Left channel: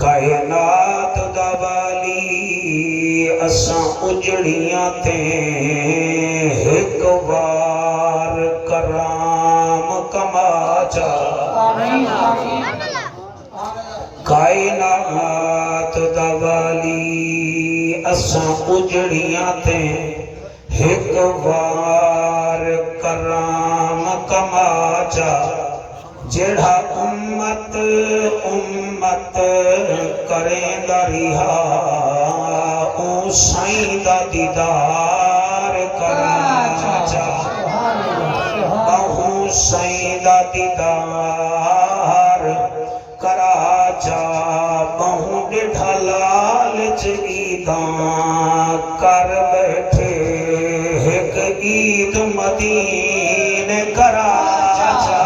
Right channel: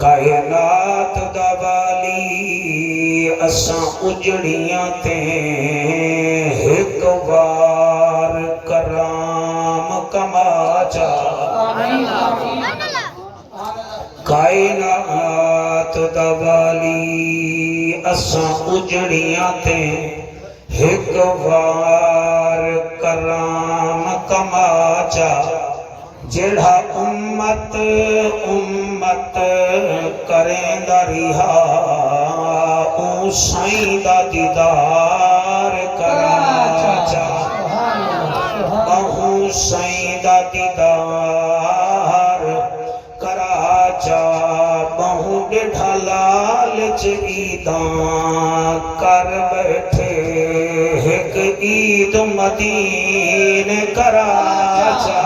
کائنات دا والی اساں اجڑیاں تے ایک بار کرام کما چا کائنات دا والی اساں اجڑیاں تے ایک بار کرام کما چا جڑا امت کریں دا رہا اون سائیں دا دیدار کرا چا اون سائیں دا دیدار کرا چا بہوں ڈھا لالچ عیداں کر بیٹھے ایک عید مدینے کرا چا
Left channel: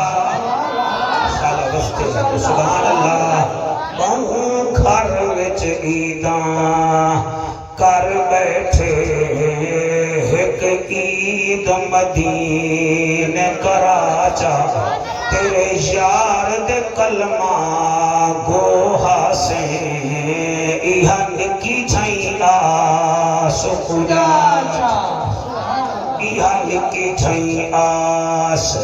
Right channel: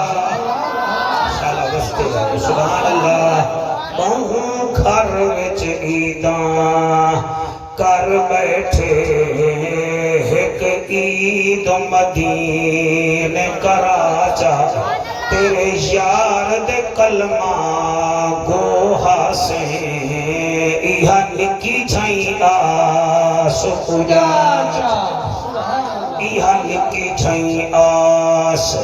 سبحان اللہ بہوں گھر وچ عیداں کر بیٹھے ایک عید مدینے کرا چا تیرے یار دے کلمہ گوہا سے ایہا نکی چھائیں آس پجا ایہا نکی چھائیں آس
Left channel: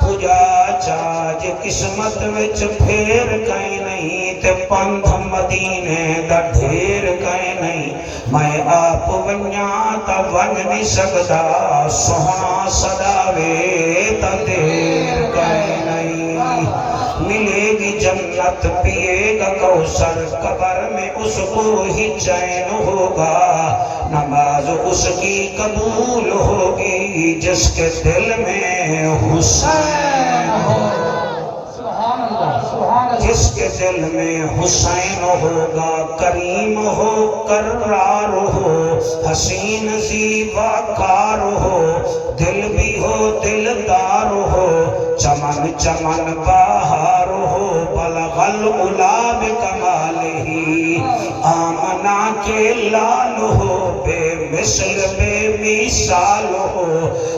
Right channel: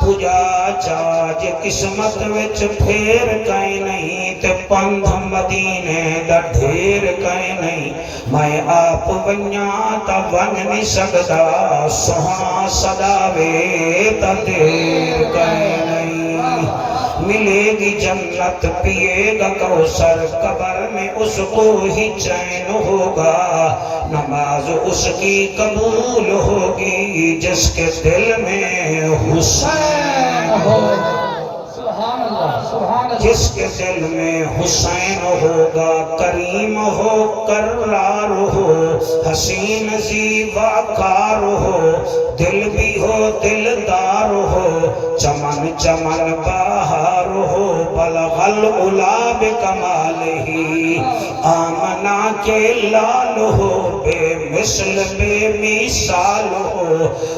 پجا چا جے قسمت وچ پھیر کہیں نہیں تے پندھ مدینے دا ڈھیر کہیں نہیں میں آپ ونیاں تا ون نہیں سکدا سہاں صداوے تا دیر کہیں نہیں ملے گی جنت پیے گا کوثر قبر میں اس کو ہی چین ہوگا نماز اس کی قبول ہوگی جس کے دل میں حسین ہو جس کے دل میں حسین ہوگا کریم ہو کرار ہو حسین زیبا کار ہو دل بھی ہو دلدار ہو چمن چمن بہار ہو بلغ العلا بکمالہی آمنا کے لال ہو بے مثل بے مثال ہو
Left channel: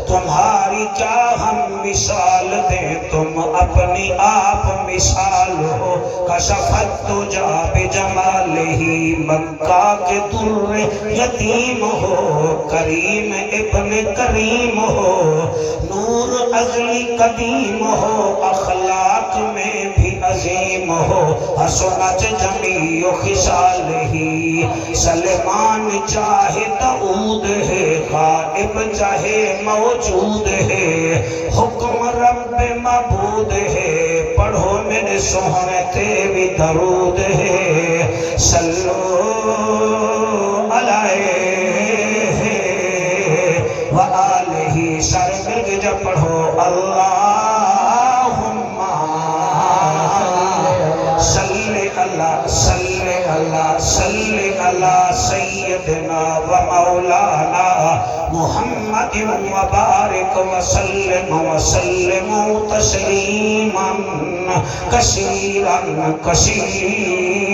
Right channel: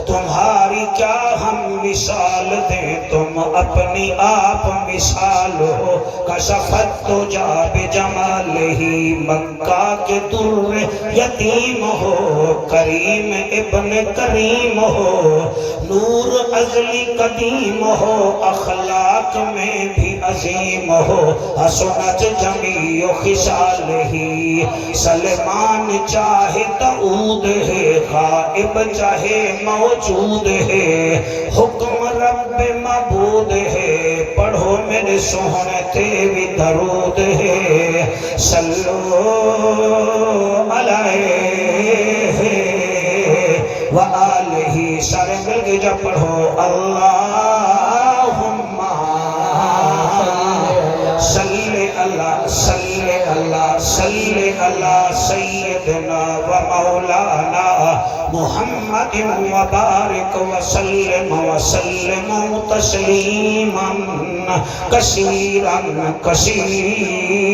تمہاری کیا ہم مثال دیں تم اپنی آپ مثال ہو کشفت تجا بجمالہی مکہ کے در یتیم ہو کریم ابن کریم ہو نور ازلی قدیم ہو اخلاق میں بھی عظیم ہو حسنت جمیع خصالہی سلمان چاہے داؤد ہے غائب چاہے موجود ہے حکم رب معبود ہے پڑھو میرے سہنے تے بھی درود ہے صلو علیہ وآلہ سارے مل کے جب پڑھو اللہم صلی اللہ صلی اللہ صلی اللہ سیدنا و مولانا محمد مبارک وسلم وسلم تسلیما کثیرا کثیرا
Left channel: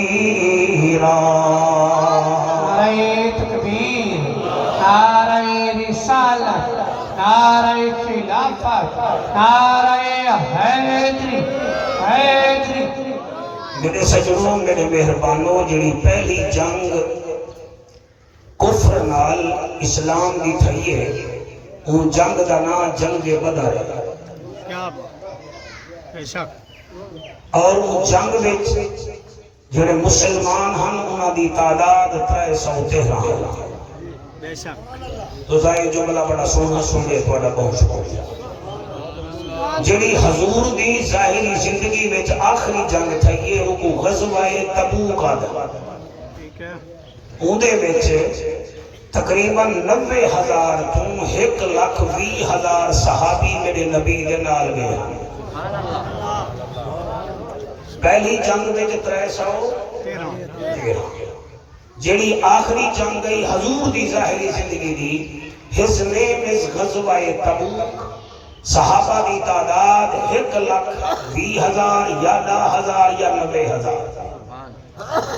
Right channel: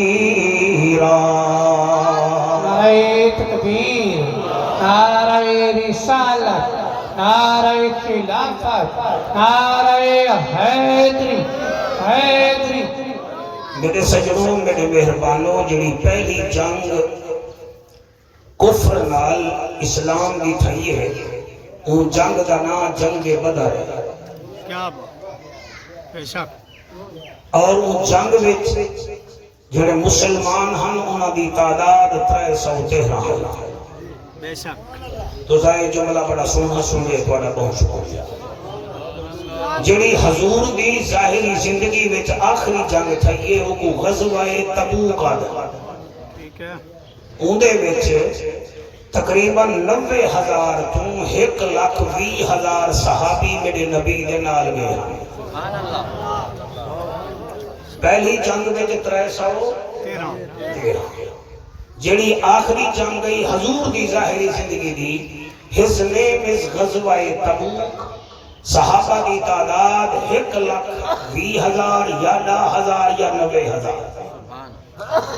نعرہ تکبیر نعرہ رسالت نعرہ خلافت نعرہ حیدری حیدری میرے سجنوں میرے مہربانوں جڑی پہلی جنگ کفر نال اسلام دی تھئی ہے وہ جنگ دا نام جنگ بدر ہے کیا بے شک اور وہ جنگ وچ جڑے مسلمان ہن انہاں دی تعداد 313 بے شک تو ظاہر جملہ بڑا سننا سنیے تھوڑا بہت شکریہ جڑی حضور دی ظاہری زندگی وچ آخری جنگ تھئی ہے وہ کو غزوہ تبوک آدھا ٹھیک ہے اندے وچ تقریباً 90,000 تو 1,20,000 صحابی میرے نبی دے نال گئے پہلی جنگ وچ 313 جڑی آخری جنگ گئی حضور دی ظاہری زندگی دی his name is غزوہ تبوک صحابہ دی تعداد 1,20,000 یا 10,000 یا 90,000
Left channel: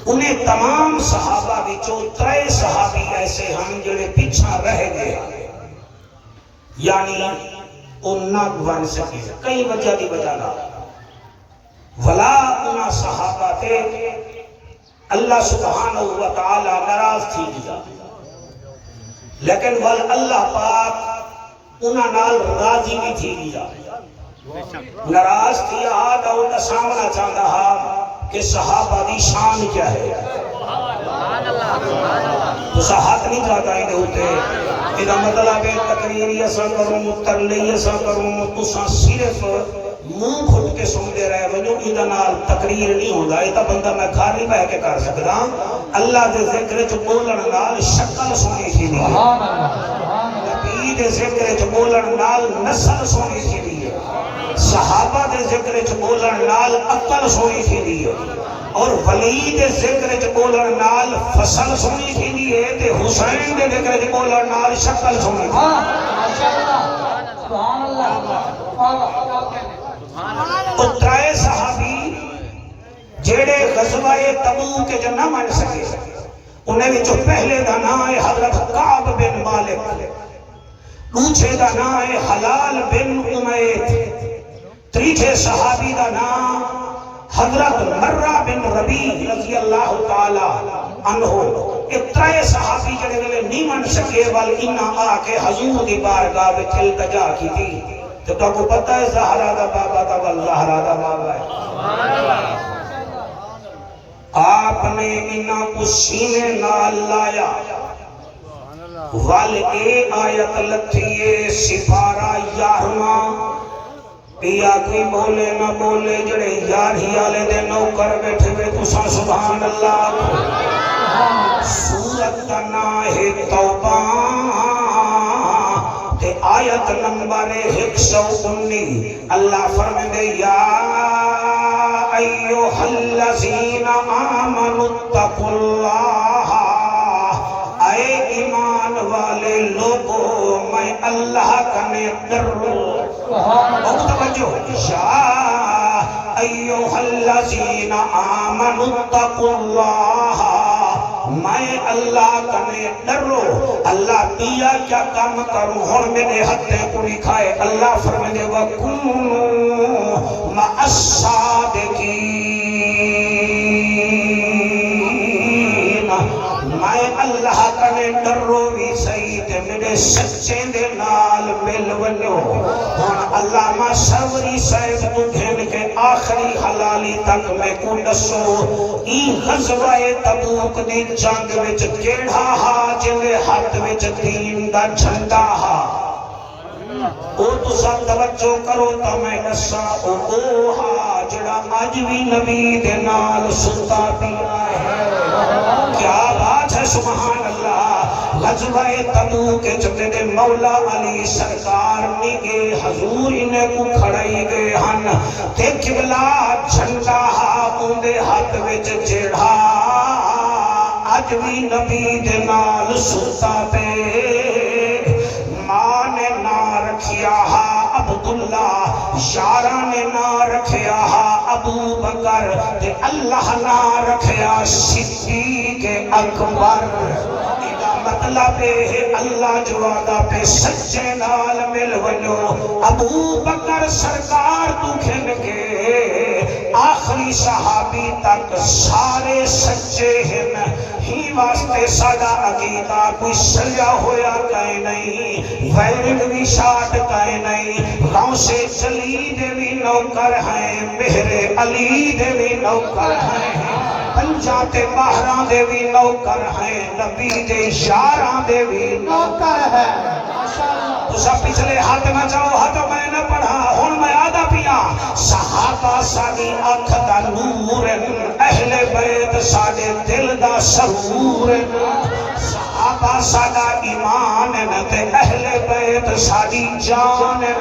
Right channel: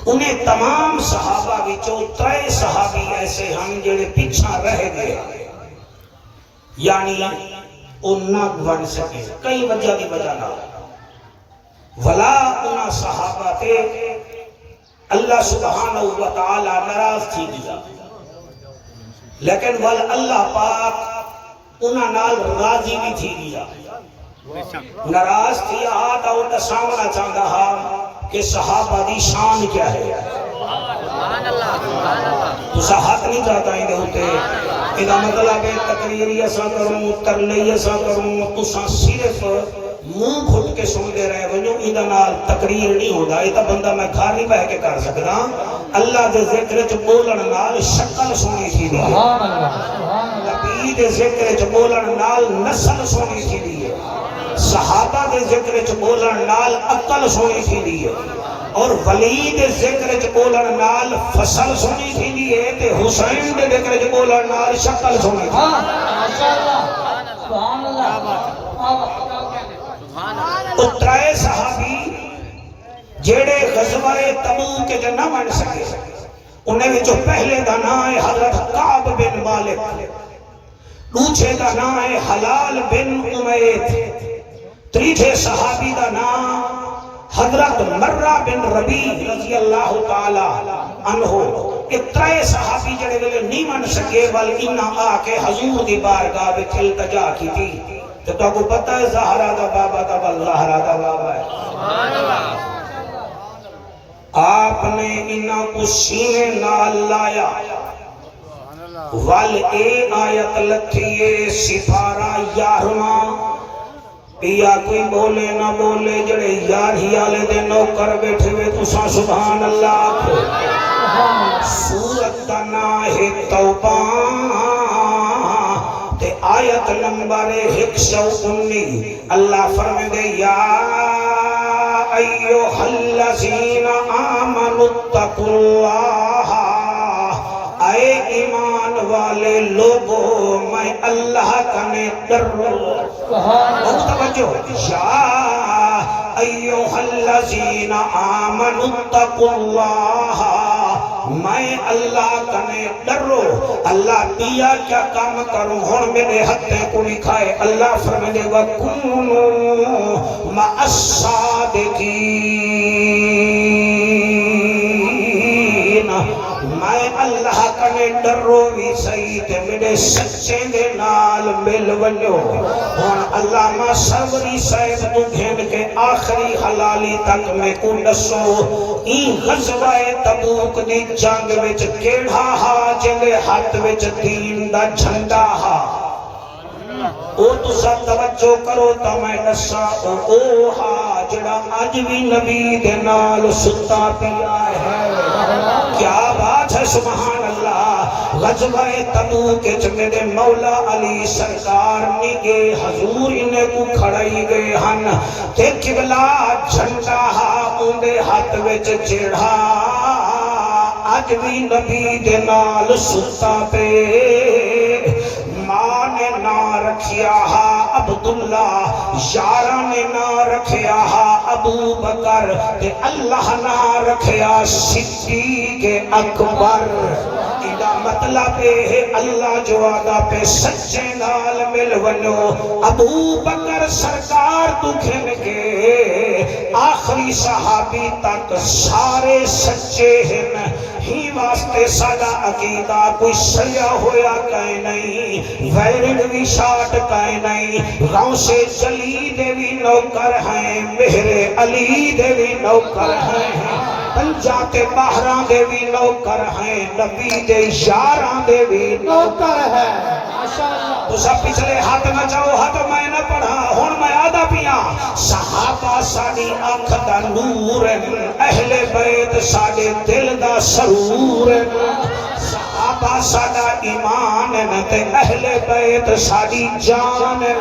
انہیں تمام صحابہ وچوں 3 صحابی ایسے ہم جڑے پیچھا رہ گئے یعنی انہاں بن سکے کئی وجہ دی وجہ نہ ولا انہاں صحابہ تے اللہ سبحانہ و تعالی ناراض تھی گیا، لیکن ول اللہ پاک انہاں نال راضی بھی تھی گیا۔ ناراض تھی آدھا انہاں سامنا چاہتا ہا کہ صحابہ دی شان کیا ہے، تو ہاتھ نہیں جاتا ہی ہوتے اذا مطلب تقریر ایسا کروں ترلی ایسا کروں تو صرف منہ پھٹ کے سن دے رہے ونجو اذا نال تقریر نہیں ہوتا، یہ بندہ میں گھر نہیں بہ کے کر سکتا۔ اللہ دے ذکر چ بولن نال شکل سونی تھی دی، نبی دے ذکر چ بولن نال نسل سونی تھی دی، صحابہ دے ذکر چ بولن نال عقل سونی تھی دی، اور ولی دے ذکر چ بولن نال فصل سونی تھی دی ہے، تے حسین دے ذکر چ بولن نال شکل سونی تھی۔ تو ترائے صحابی جیڑے غزوہ تبوک کے نہ من سکے، انہیں جو پہلے دا نام ہے حضرت کعب بن مالک، دوسرے دا نام ہے حلال بن امیت، تیسرے صحابی دا نام حضرت مرہ بن ربیع رضی اللہ تعالی عنہ۔ اترائے صحابی جڑے ویلے نہیں من سکے بل انہاں آ کے حضور دی بارگاہ وچ التجا کی تھی۔ تو تو کو پتہ ہے زہرا دا بابا دا والزہرا دا بابا ہے، آپ نے انہاں کو سینے نال لایا، ول اے آیت لتھیے سپارہ 11واں، پیا کوئی بولے نہ بولے جڑے یار ہی آلے دے نوکر بیٹھے ہوئے تساں سبحان اللہ۔ سورت دا نام ہے توبہ تے آیت نمبر 119، اللہ فرمائے دے یا ایھا الذین آمنوا اتقوا اللہ، اے ایمان والے لوگوں میں اللہ کنے ڈرو۔ توجہ، یا ایھا الذین آمنوا اتقوا اللہ، میں اللہ کنے ڈرو۔ اللہ دیا کیا کام کروں ہوں میرے ہتھے کو لکھائے، اللہ فرمائے وَكُنُوا مَعَ الصَّادِقِينَ، میں اللہ کنے ڈرو بھی صحیح تے میرے سچے دے نال مل ونجو۔ ہوں اللہ ما سروری صاحب تو گھن کے آخری حلالی تک میں کو دسو، این غزوہ تبوک دی جنگ وچ کیڑا ہا جندے ہاتھ وچ دین دا جھنڈا ہا؟ او تسا توجہ کرو تو میں دسا، او ہا جڑا اج بھی نبی دے نال ستا پیا ہے۔ کیا بات ہے سبحان اللہ۔ غزوہ تبوک کے چکے دے مولا علی سرکار نگے حضور انہیں کو کھڑائی گئے ہن، تے قبلہ جھنڈا اندے ہاتھ وچ جیڑا اج بھی نبی دے نال ستا پے۔ ماں نے نا رکھیا ہا عبداللہ، یاراں نے نا رکھیا ہا ابو بکر، تے اللہ نا رکھیا صدیق اکبر۔ مطلب ہے اللہ جو آدھا پہ سچے نال مل ونو، ابو بکر سرکار تو کھن کے آخری صحابی تک سارے سچے ہیں، ہی واسطے سادہ عقیدہ کوئی سلیا ہویا کہیں نہیں، ویرنگ بھی شاٹ کہیں نہیں، غوث جلی دے بھی نوکر ہیں، مہر علی دے بھی نوکر ہیں، پنجاتے باہراں دے بھی نوکر ہیں، نبی دے یاراں دے بھی نوکر ہیں۔ تو سب پچھلے ہاتھ میں جاؤ، ہاتھ میں نہ پڑھا، ہون میں آدھا پیاں۔ صحابہ ساڑی آنکھ دا نور ہے، اہل بیت ساڑے دل دا سرور ہے، صحابہ ساڑا ایمان ہے، تے اہل بیت ساڑی جان ہے،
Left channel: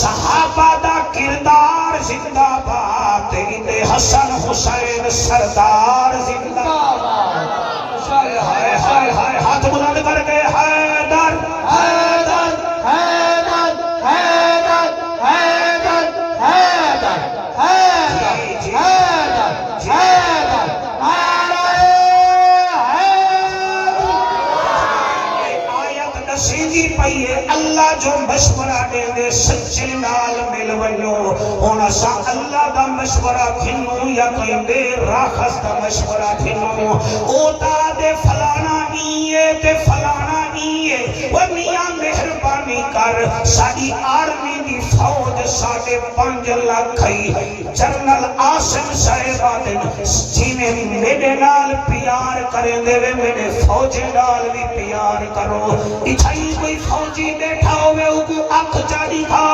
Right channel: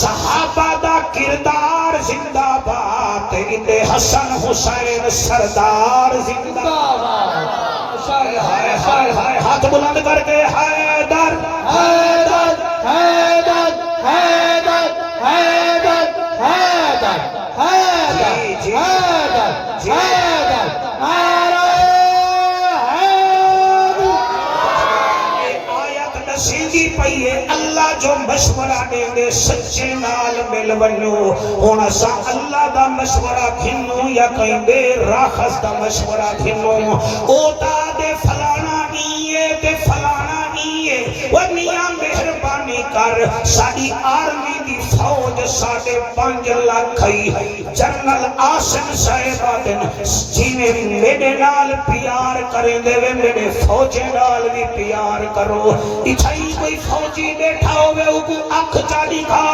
صحابہ دا کردار زندہ بات، تے حسن حسین سردار زندہ بات۔ ہائے ہائے ہائے ہاتھ بلند کر کے حیدر حیدر حیدر حیدر حیدر حیدر حیدر حیدر آیت دسیندی پئیے اللہ جو مشورہ دے دے سچے نال مل ونو، ہن اساں اللہ دا مشورہ گھنوں یا کوئی بے راخص دا مشورہ گھنوں او دا دے فلانا نیے تے فلانا نیے وہ میاں مہربانی کر ساری آرمی دی فوج 5.5 لاکھ جنرل آسم صاحب جنہیں میرے نال پیار کریں دے میرے فوجی نال بھی پیار کرو اتھائی کوئی فوجی بیٹھا ہوئے کو اکھ چاڑی گا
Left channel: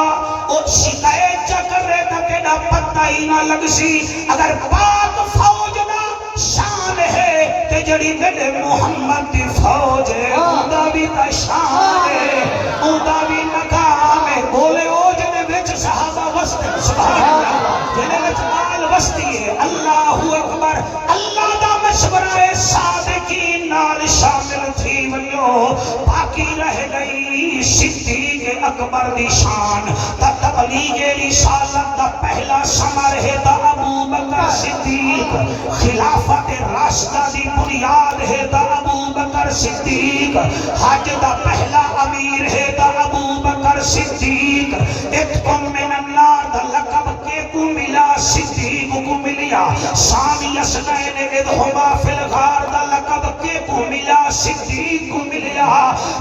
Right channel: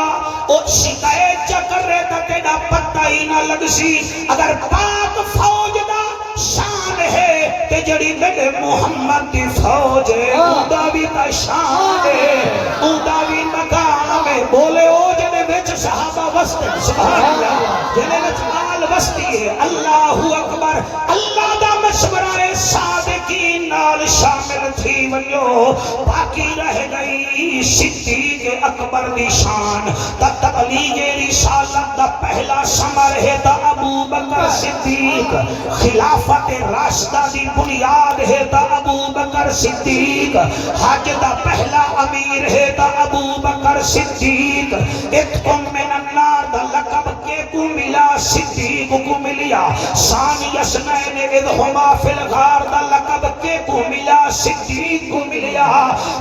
او شکایت چکر رہے تا تیڑا پتہ ہی نہ لگ سی اگر پاک فوج دا شان ہے تے جڑی میرے محمد دی فوج ہے اوندا بھی تا شان ہے اوندا بھی مقام ہے بولے او جنے وچ صحابہ وستے سبحان اللہ جنے وچ مال وستی ہے اللہ اکبر اللہ دا مشورہ صادقین نال شامل تھی ونیو باقی رہ گئی صدیق اکبر دی شان تا تبلیغ رسالت دا پہلا ثمر ہے تا ابو بکر صدیق خلافت راشدہ دی بنیاد ہے تا ابو بکر صدیق حج دا پہلا امیر ہے تا ابو بکر صدیق اتکم من النار دا لقب کے کو ملا صدیق کو ملیا ثانی اسنین ادھما فی الغار دا لقب کے کو ملا صدیق کو ملیا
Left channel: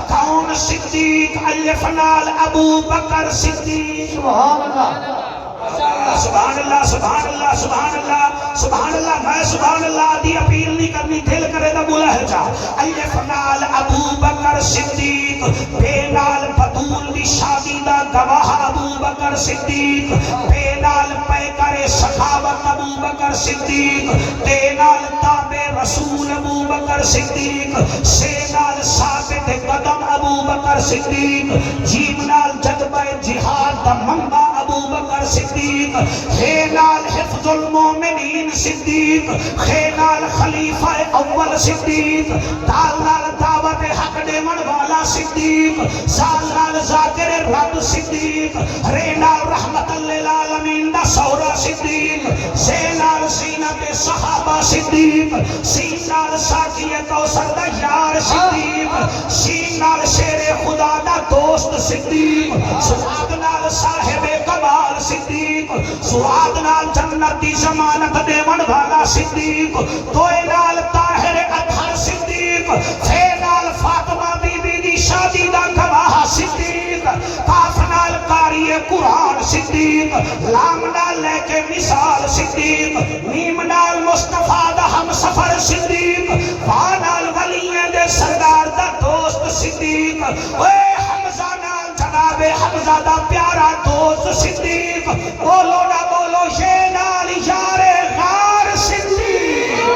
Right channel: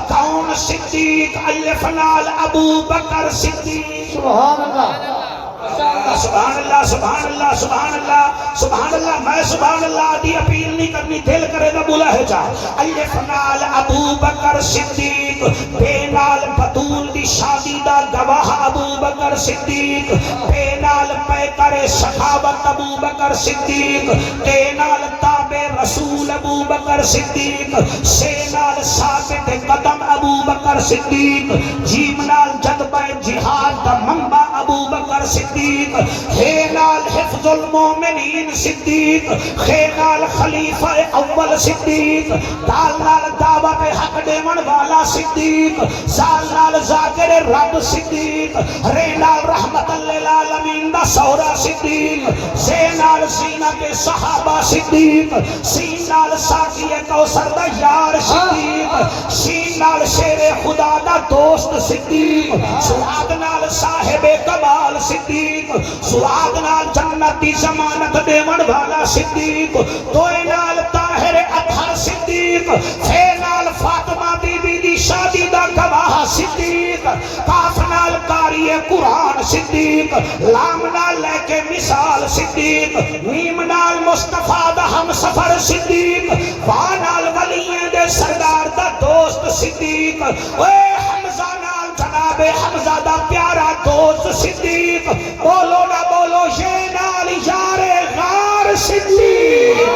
کون صدیق الف لال ابو بکر صدیق سبحان اللہ سبحان اللہ سبحان اللہ سبحان اللہ سبحان اللہ میں سبحان اللہ دی اپیل نہیں کرنی دل کرے دا بولا ہے جا الف لال ابو بکر صدیق بے نال بطول دی شادی دا گواہ ابو بکر صدیق بے نال پے کرے سخاوت ابو بکر صدیق تے نال تابع رسول ابو بکر صدیق سے نال ثابت قدم ابو بکر صدیق جیم نال جذبہ جہاد دا منبع ابو بکر صدیق ہے نال حفظ المومنین صدیق ہے نال خلیفہ اول صدیق دال نال دعوت حق دیون والا صدیق زال نال ذاکر رب صدیق رے نال رحمت للعالمین دا سورا صدیق سے نال سینہ کے صحابہ صدیق سین نال ساکی کوثر دا یار صدیق سین نال شیر خدا دا دوست صدیق سعاد نال صاحب کمال صدیق سعاد نال جنت دی ضمانت دیون والا صدیق توئے نال طاہر اطہر صدیق پھے نال فاطمہ بی بی دی شادی دا گواہ صدیق کاف نال قاری قرآن صدیق لام نال لے کے مثال صدیق نیم نال مصطفیٰ دا ہم سفر صدیق وہاں نال ولییں دے سردار دا دوست صدیق اے حمزہ نال جناب حمزہ دا پیارا دوست صدیق بولو نہ بولو یہ نال یار غار صدیق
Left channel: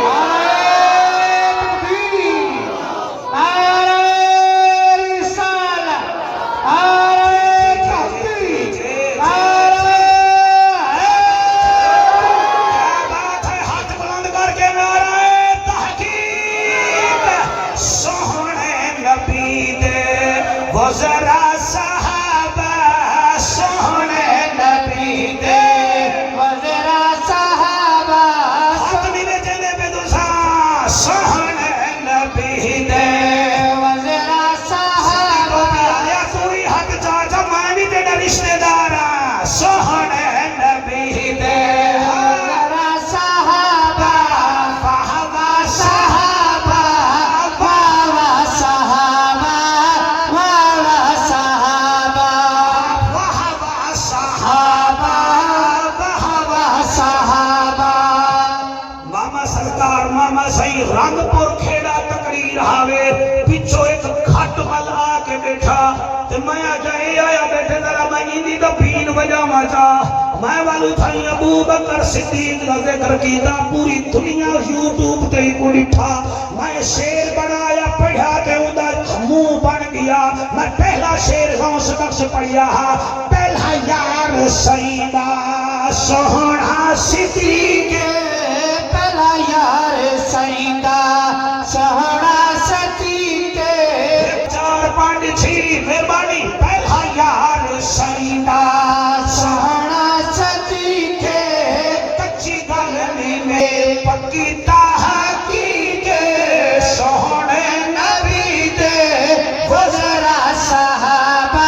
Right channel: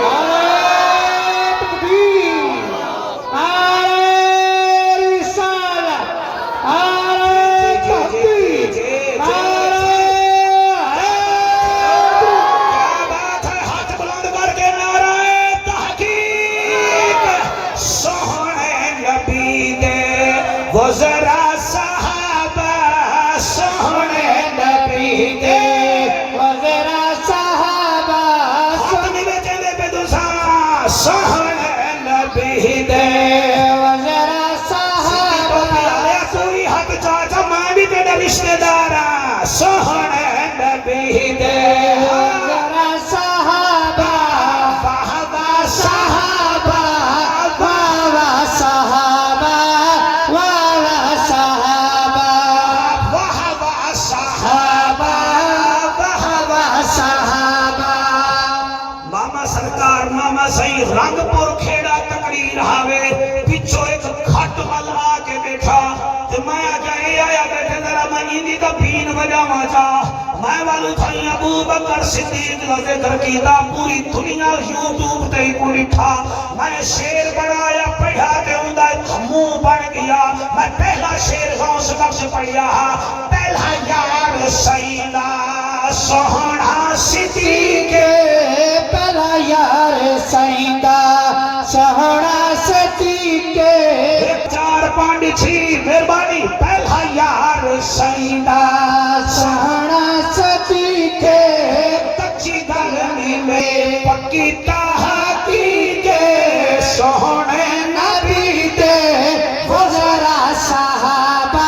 رنگ پور کھیڑا تقریر ہاوے پچھو ایک کھٹ مل آ کے بیٹھا تے میں آجائے آیا بیٹھے ذرا میں اندی دا پین وجہ ماچا میں والو تھائی ابو بکر صدیق کا ذکر کیتا پوری دنیا یوٹیوب تے ہی پوری تھا میں شیر بنایا پڑھا تے اندہ منہ بن گیا میں پہلا شیر غوث بخش پڑھیا پہلا یار سیدہ سہنا صدیق پہلا یار سائندہ سہنا صدیق چار پانڈ چھی مہربانی پہلا یار سائندہ سہنا صدیق کچی گلنی میں پکی تحقیق سونے نبی دے گزرا صحابہ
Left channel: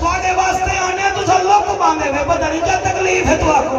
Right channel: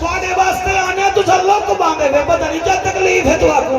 ਤੁਹਾਡੇ ਵਾਸਤੇ ਆਨੇ ਤੁਸੀਂ ਲੋਕ ਬਾਂਦੇ ਵੇ ਪਤਾ ਨਹੀਂ ਕੀ ਤਕਲੀਫ ਹੈ ਤੁਹਾਨੂੰ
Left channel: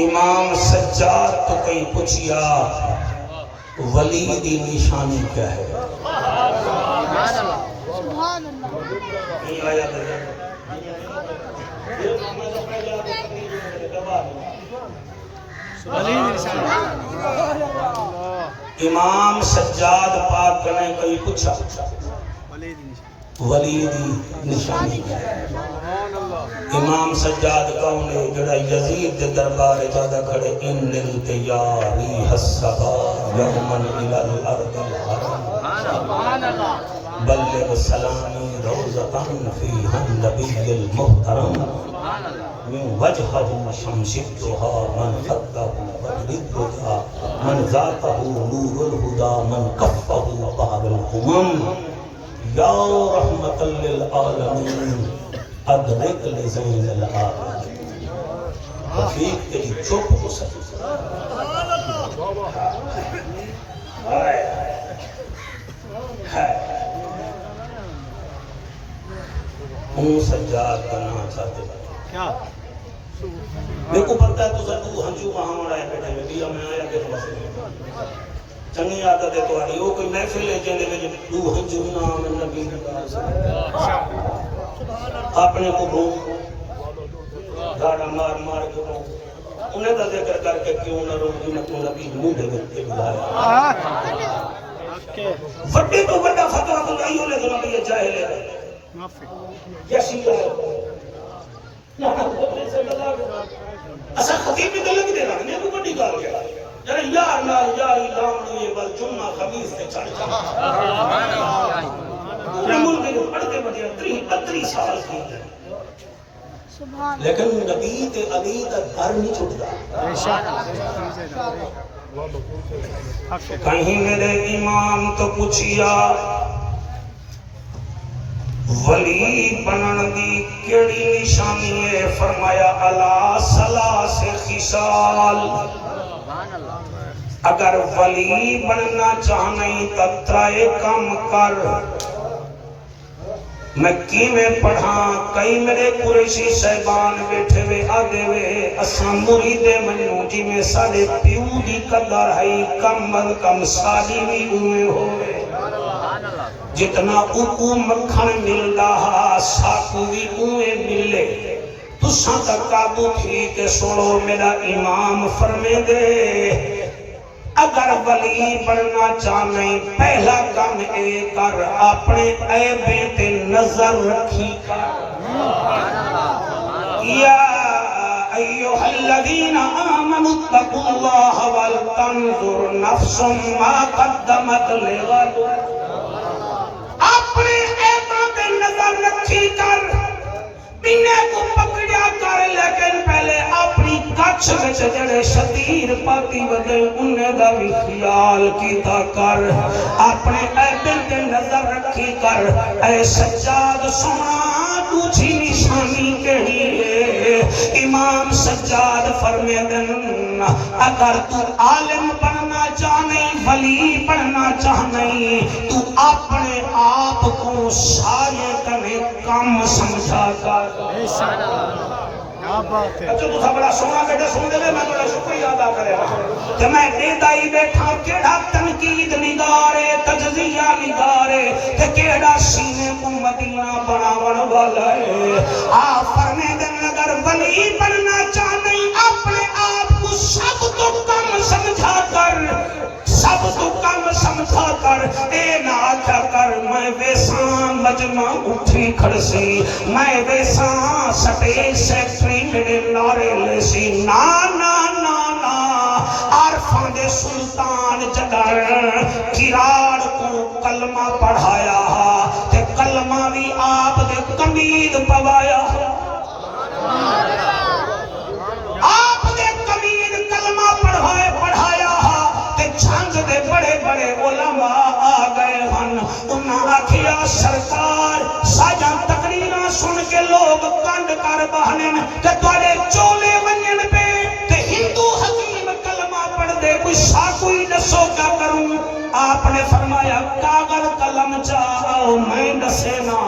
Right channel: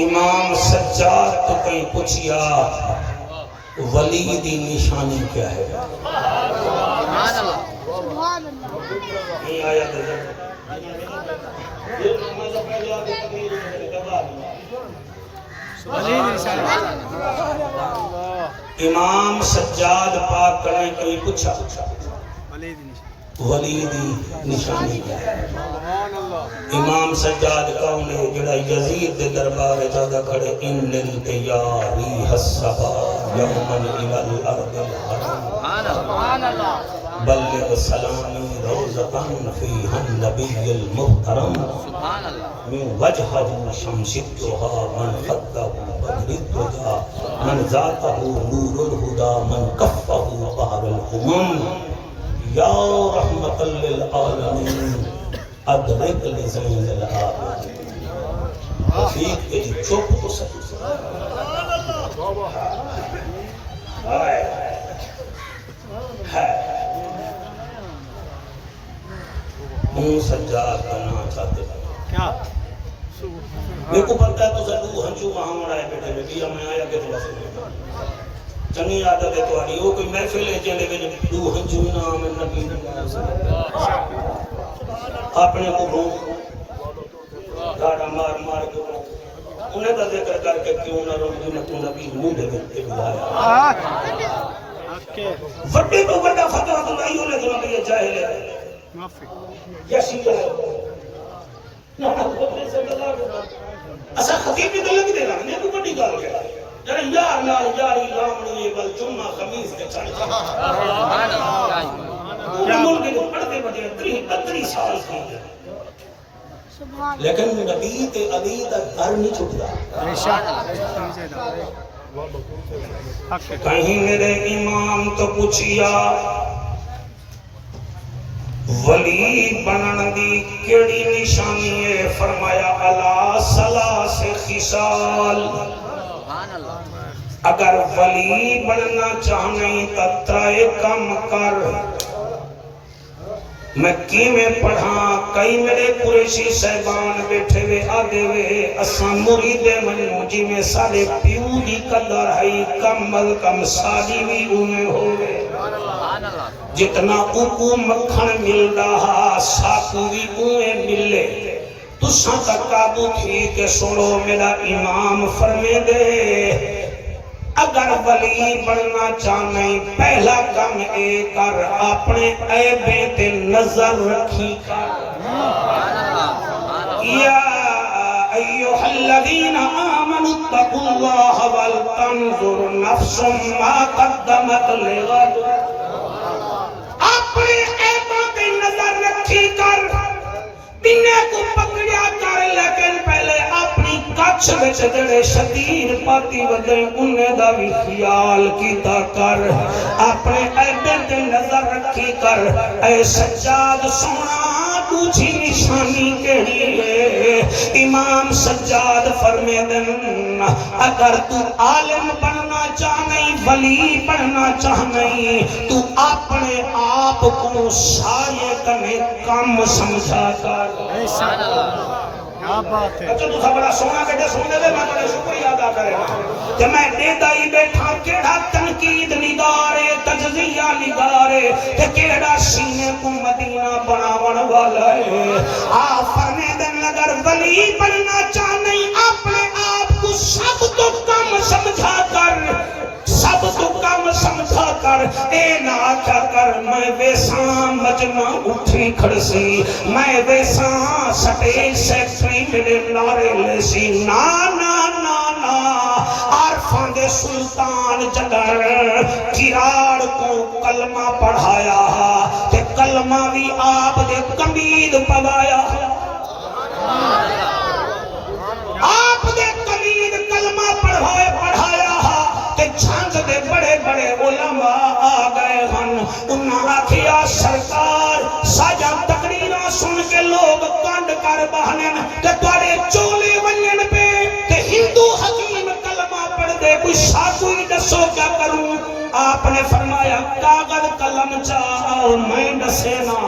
امام سجاد تو کئی پوچھیا ولی دی نشانی کیا ہے؟ نہیں آیا امام سجاد پاک نے کئی پوچھا ولی دی نشانی کیا ہے؟ امام سجاد کون ہے جڑا یزید دے دربار جاگا کھڑے ان للتیاری حسبا یومن الالارض الحرم بلغ سلامی روزتاً فیہا النبی المحترم من وجہہ شمس الدہا من خدہ بدر الدہا من ذاتہ نور الہدا من کفہ بحر الامم یا رحمت للعالمین ادرک لزین العالمین رفیق تیری چپ کو سکتا ہوں سجاد کرنا چاہتے ہیں میرے کو پتہ ہے تو ضرور ہنجو وہاں مڑائے بیٹھے میں بیا میں آیا کہ تو بس چنگی عادت ہے تو آئی وہ کوئی محفل ہے جنہے میں دو ہنجو نام نبی اپنے کو بھو گاڑا مار مار کے بھو انہیں کا ذکر کر کے کیوں نہ رو جنہیں تو نبی منہ دے کے بلایا وڈی تو بڑا فتوہ تو نہیں ہونے تو نبی جاہل ہے کیسی ہے اسا خطیب بھی گلے بھی دے رہا ہے نہیں کوئی بڑی گال ہے یعنی یار نال یاری لامنی بل جمعہ خمیس تے چھڑ چھڑ پورا ملک میں پڑھتے بڑھتے 30 سال کی ہے لیکن نبی تے علی دا گھر نہیں چھٹتا کہیں میرے امام تو پوچھیا ولی بنن دی کیڑی نشانی ہے؟ فرمایا الا ثلاث خصال اگر ولی بننا چاہنے تو ترائے کم کر میں کیویں پڑھاں کئی میرے قریشی صاحبان بیٹھے وے آدھے وے اساں مریدے منوں جی میں سارے پیو دی قدر ہے کم از کم ساری بھی انہیں ہوئے جتنا اوکو مکھن مل رہا ساکو بھی انہیں ملے تساں کا قابو تھی کہ سنو میرا امام فرمے دے اگر ولی بننا چاہنے پہلا کام اے کر اپنے عیبیں تے نظر رکھی کر یا ایوہ الذین آمنوا اتقوا اللہ ولتنظر نفس ما قدمت لغد اپنے عیبوں تے نظر رکھی کر بنے کو پکڑیا کر لیکن پہلے اپنی کچھ وچ جڑے شتیر پاتی ودے انہیں دا بھی خیال کیتا کر اپنے عیبوں تے نظر رکھی کر اے سجاد سنا دوسری نشانی کہی ہے امام سجاد فرمے دن اگر تو عالم بننا چاہنے ولی بننا چاہنے تو اپنے آپ کو سارے کنے کم سمجھا کر اچھا تو بڑا سونا بیٹا سونے دے میں بڑا شکریہ ادا کرے کہ میں دیدائی بیٹھا کیڑا تنقید نگارے تجزیہ نگارے کہ کیڑا سینے کو مدینہ بناون والا ہے فرمے دن اگر ولی بننا چاہنے اپنے آپ کو سب تو کم سمجھا کر سب تو کم سمجھا کر اے نہ کر میں ویساں مجمع اٹھی کھڑسی میں ویساں سٹے سیکٹری میرے نارے لیسی نا نا نا نا عارفاں دے سلطان جگر کراڑ کو کلمہ پڑھایا تے کلمہ بھی آپ دے کمید پوایا آپ دے کمید کلمہ پڑھایا تے چھنج دے بڑے بڑے علماء آ گئے ہن انہاں آکھیا سرکار ساجا تقریراں سن کے لوگ کنڈ کر بہنے تے تواڈے چولے ونجن پہ تے ہندو حکیم کلمہ پڑھ دے کوئی ساتو ہی دسو کیا کروں آپ نے فرمایا کاغذ قلم چاہو میں دسے نا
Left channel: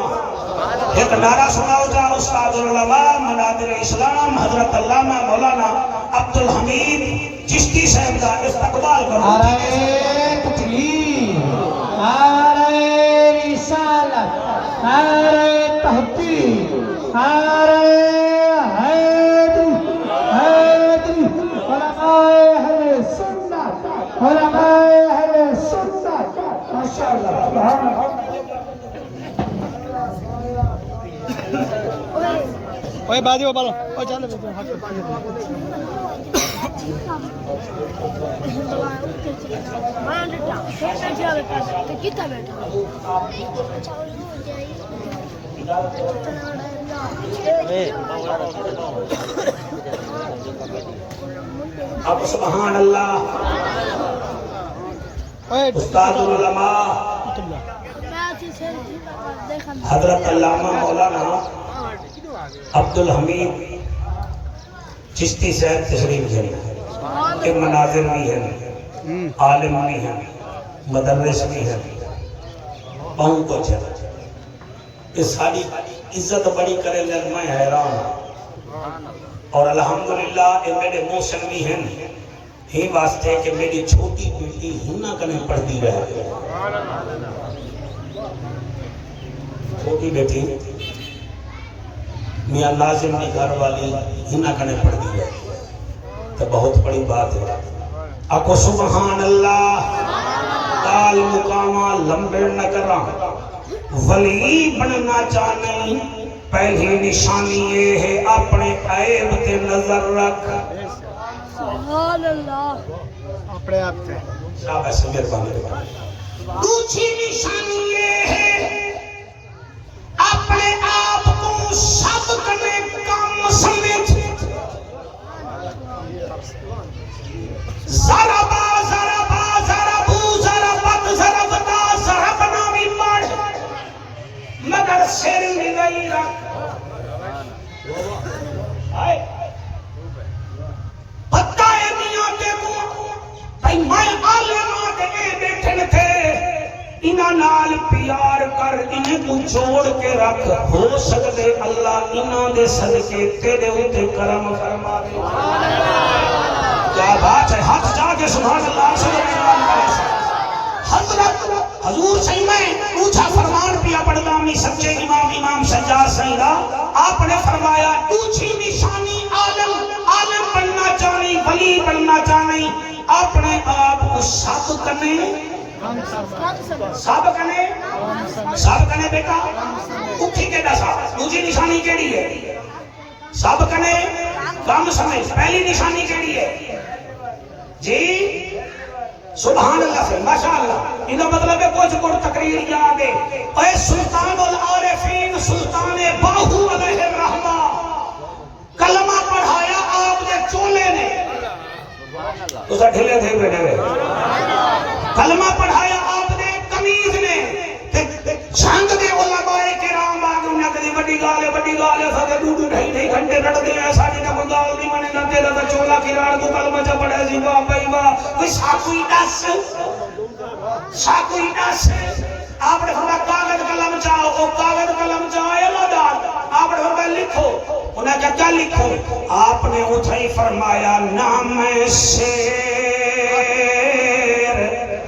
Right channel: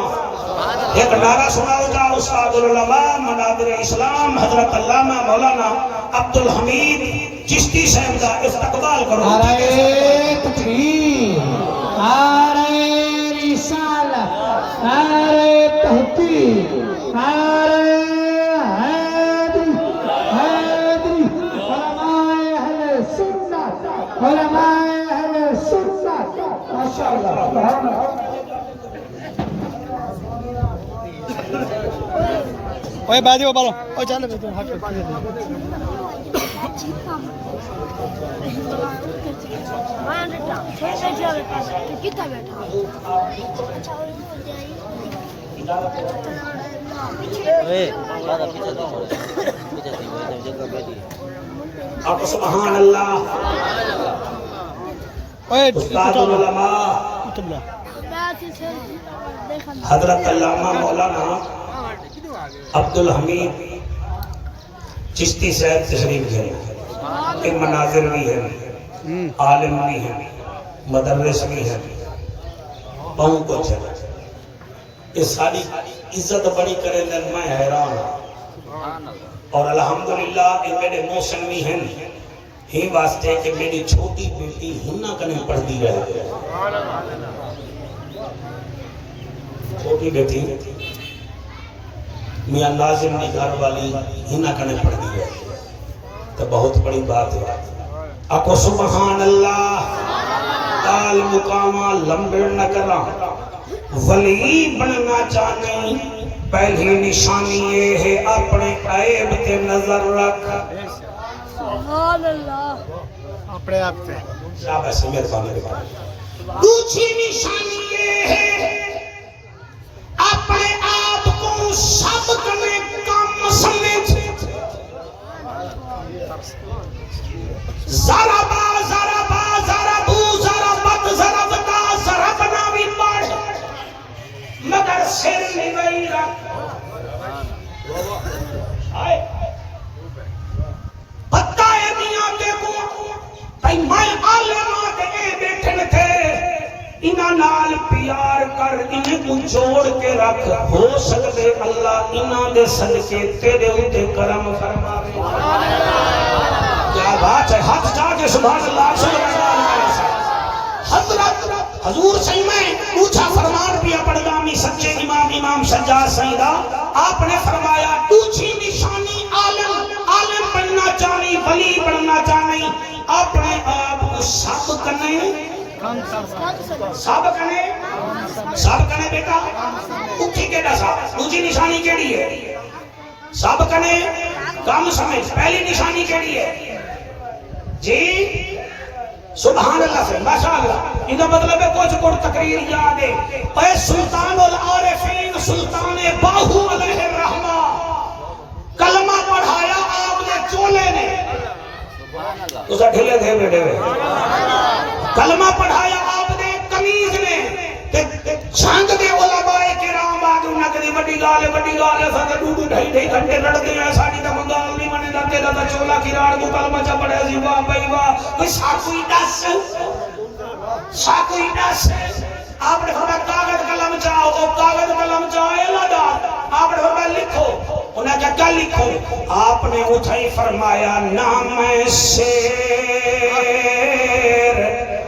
ایک نعرہ سناؤ جا استاد العلماء منابر اسلام حضرت علامہ مولانا عبدالحمید چشتی صاحب کا استقبال کرو. نعرہ تکبیر، نعرہ رسالت، نعرہ تحقیق، نعرہ حیدری، حیدری، علماء اہل سنت، علماء اہل سنت. ماشاءاللہ سبحان اللہ. اوے بازی بولو او چل بیٹھو ہاتھ اب سبحان اللہ. اوے استاد العلماء حضرت علامہ مولانا عبدالحمید چشتی صاحب تشریف لے رہے ہیں. مناظر بھی ہیں، عالم بھی ہیں، مدرس بھی ہیں، بہت کچھ ہے. یہ ساری عزت بڑی کریں دیں میں حیران ہوں. اور الحمدللہ یہ میرے موسم بھی ہیں ہی واسطے کہ میری چھوٹی بیٹی ہنہ کنے پڑھ دی رہے. چھوٹی بیٹی میاں لازم کی گھر والی ہنہ کنے پڑھ دی رہے تو بہت بڑی بات ہے. آکو سبحان اللہ. کال مقامہ لمبے نہ کرا ولی بننا چاہنے پہلی نشانی یہ ہے اپنے عیب تے نظر رکھ. سبحان اللہ. اپنے آپ پہ شاباش مہربانی کرو. دوسری نشانی یہ ہے اپنے آپ کو سب میں کم سمجھ. ذرا مگر سر نہیں رکھ. پتہ ہے میاں کے بھائی میں عالماں کے بیٹھن تھے انہاں نال پیار کر انہیں کو چھوڑ کے رکھ. ہو سکتے اللہ انہاں دے صدقے تیرے اوتے کرم فرماوے. کیا بات ہے. ہاتھ جا کے سبحان اللہ سبحان اللہ. حضرت حضور صحیح میں اونچا فرمان پیا پڑھگامی سچے امام سجاد سیدہ آپ نے فرمایا دوسری نشانی عالم بننا چاہنی ولی بننا چاہنی اپنے آپ کو سب کنے بیٹا اٹھی کے دسا. دوسری نشانی کیڑی ہے؟ سب کنے کم سمجھ. پہلی نشانی کیڑی ہے جی؟ سبحان اللہ سے ماشاءاللہ. ان کا مطلب ہے کچھ کو تقریر یاد ہے. اے سلطان العارفین سلطان باہو علیہ الرحمہ کلمہ پڑھایا آپ نے چولے نے اسے ڈھلے تھے بیٹھے ہوئے. کلمہ پڑھایا آپ نے کمیز نے چھنگ دے علماء کرام آگے انہاں کدی وڈی گال ساڈے ڈوڈو ڈھائی ڈھائی گھنٹے لڑ گئے. ساڈی دا منگال نہیں منے نہ تیرا دا چولا کراڑ کو کلمہ چا پڑھیا سی. واہ بھائی واہ. کوئی ساکوئی دس آپ نے فرمایا کاغذ قلم چاہو. او کاغذ قلم چاہے لادار آپ نے فرمایا لکھو. انہیں کہا کیا لکھو؟ آپ نے اٹھائی فرمایا نام شیر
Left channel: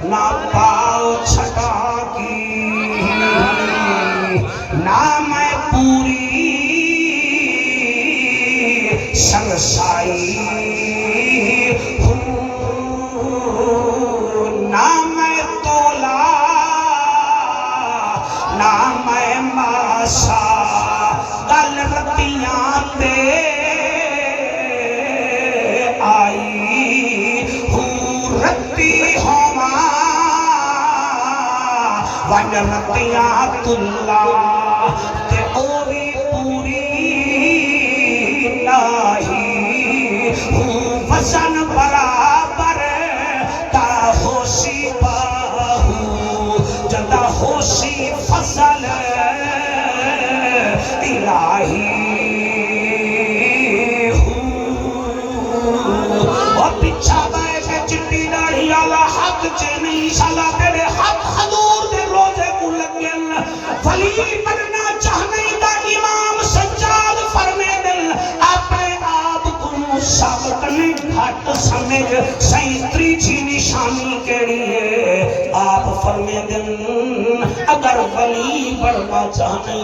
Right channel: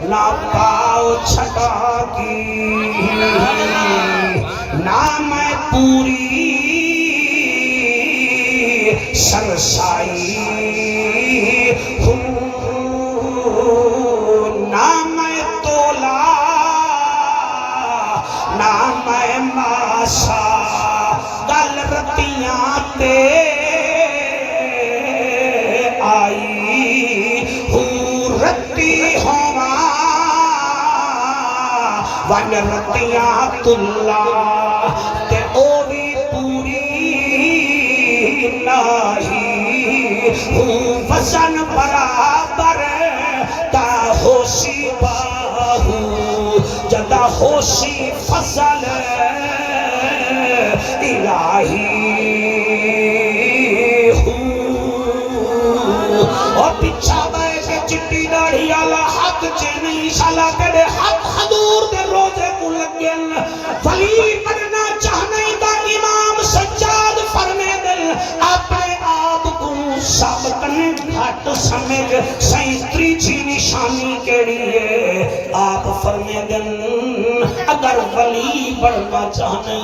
نہ پاؤ چھٹا کی نام پوری سرسائی نام تولا نام ماسا گل رتیاں تے آئی ہوں رتی ہوا ون رتیاں تلا تے اوی پوری نہیں ہوں وزن برابر تا ہوشی باہو جدا ہوشی فصل الہی اور پچھا گئے کہ چٹی داڑھی والا حق چے نہیں شالا تیرے حق حضور دے روزے کو لگن ولی بننا چاہ گھٹ سمجھ سینتری جی نشانی کیڑی ہے آپ فرمے دن اگر ولی بڑھنا چاہنے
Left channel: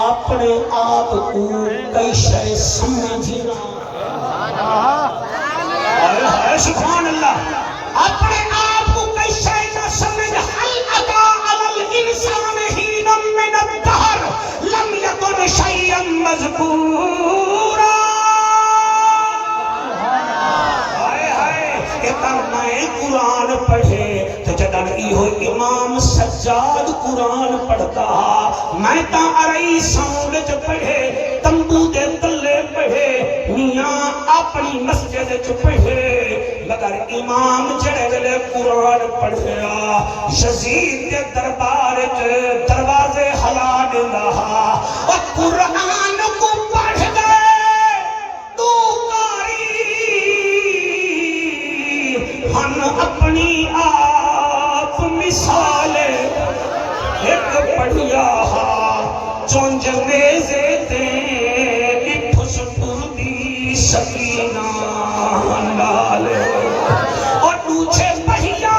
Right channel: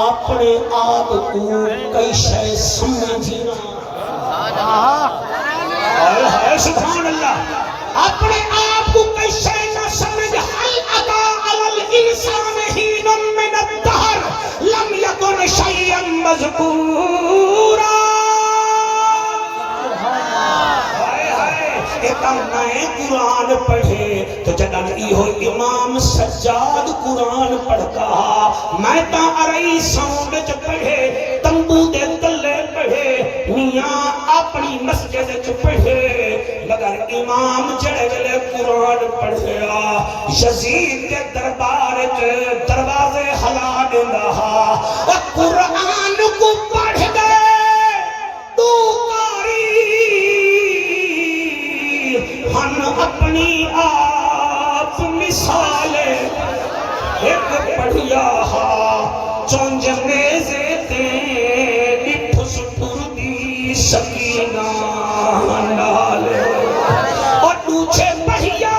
اپنے آپ کو کئی شے سمجھنا سبحان اللہ اپنے آپ کو کئی شے نہ سمجھ حل ادا علی الانسان حین من الدہر لم یکن شیئا مذکورا نئے قرآن پڑھے تو جدن ایہو امام سجاد قرآن پڑھتا میں تا ارئی ساؤنڈ چ پڑھے تمبو دے تلے پڑھے میاں اپنی مسجد چ پڑھے مگر امام جڑے ویلے قرآن پڑھیا یزید کے دربار چ دروازے ہلا دیندا اور قرآن کو پڑھ گئے تو ہم اپنی آپ مثال ایک بڑھیا چونج میزے تے اپس پوری سکینہ ڈالے اور دوچھے بڑھیا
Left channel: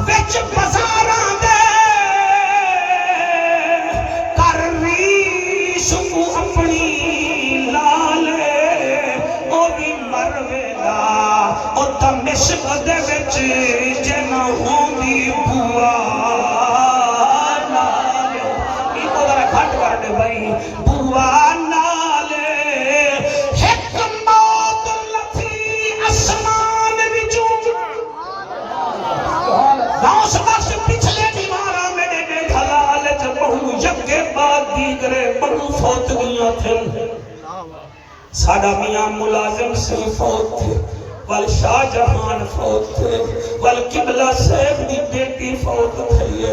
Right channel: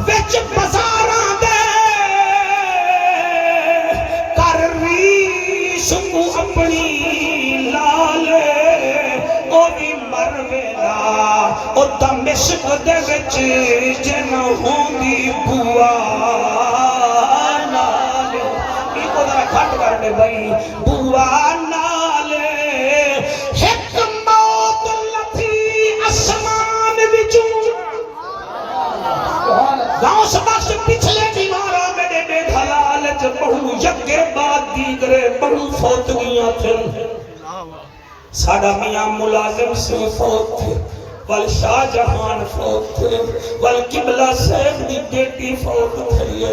وچ بزاراں دے کر ریشم اپنی لالے او بھی مرویلا او دمشق دے وچ جن ہوندی بوا نالے ایکو ذرا کھٹ کر دے بھائی بوا نالے ایک موت لتھی اسمان وچوں ناؤ سباس پچھلے دیوارا میرے دے دھلال چ بہو یکے بعد دیگرے بہو فوت گیاں تھے ساڈا میاں ملازم سے فوت تھے ول شاہ جہان فوت تھے ول قبلہ صاحب دی بیٹی فوت تھی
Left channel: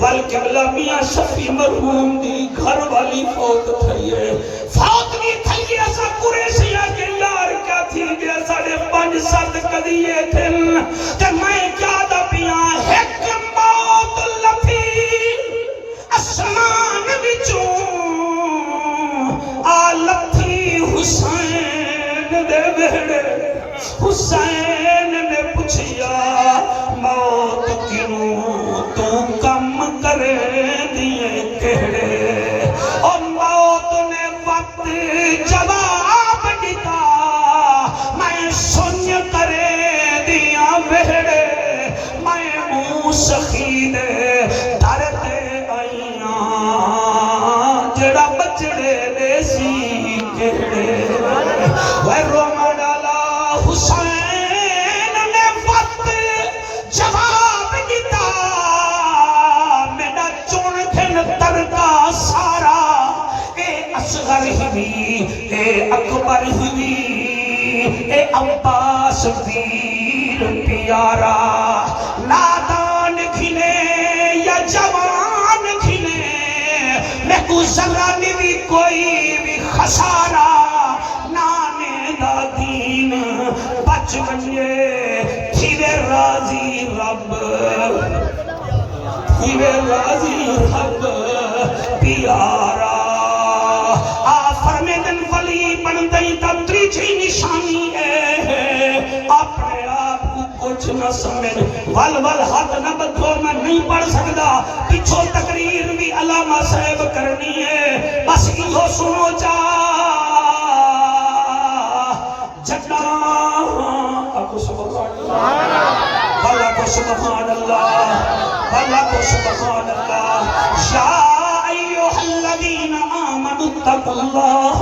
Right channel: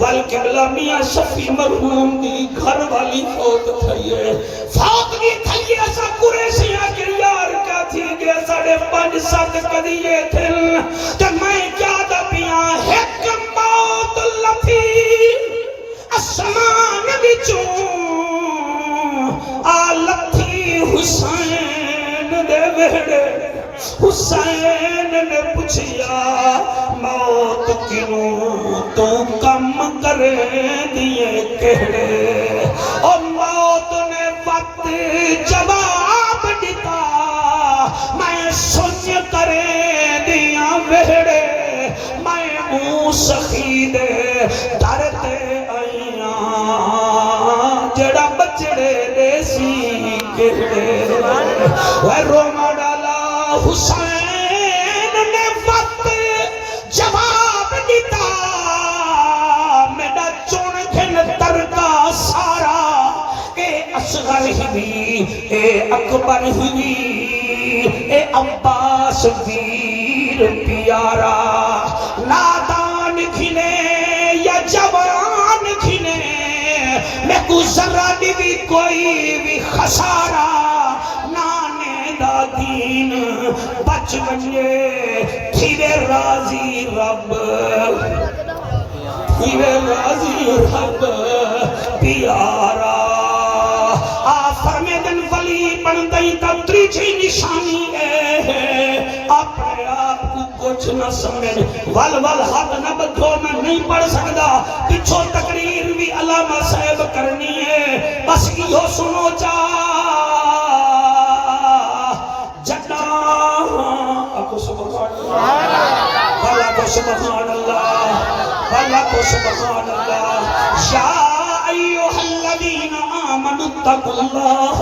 ول قبلہ میاں شفیع مرحوم دی گھر والی فوت تھی فوت بھی تھی ایسا قریشیہ کے یار کیا تھی گیا ساڑھے 5-7 قدیے تھے کہ میں کیا دا پیاں ایک موت لتھی اسمان بچوں آلتھی حسین دے ویڑے حسین نے پوچھیا موت کیوں تو کم کرے دیے کہڑے اور موت نے وقت جواب دیتا میں سن کرے دیا ویڑے میں منہ سخید ڈرتے آئیاں جڑا بچڑے ریسی کہڑے وہ روما ڈالا حسین نے وقت جواب دیتا میرا چون کھن ترکا سارا اے اصغر ہوئی اے اکبر ہوئی اے عباس ویر پیارا نادان کھنے یا جوان کھنے میں کو ذرہ بھی کوئی بھی خسارہ دین بچ گئے تھیرے راضی رب تھیرے راضی رب پیارا فرمے دن ولی بن گئی تب تریجی نشانی ہے اپنے آپ کو کچھ نہ سمجھ ول ول حد نہ بدھو میں نہیں پڑھ سکتا پچھو تقریر بھی علامہ صاحب کرنی ہے بس یہ سنو چاہ اللہ کو سبحان اللہ اللہ کو سبحان اللہ یا ایوہ الذین آمنوا اتقوا اللہ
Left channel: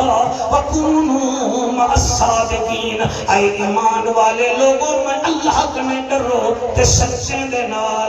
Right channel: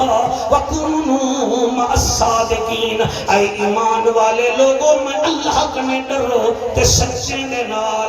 وکونوا مع الصادقین اے ایمان والے لوگوں میں اللہ کنے ڈرو تے سچے دے نال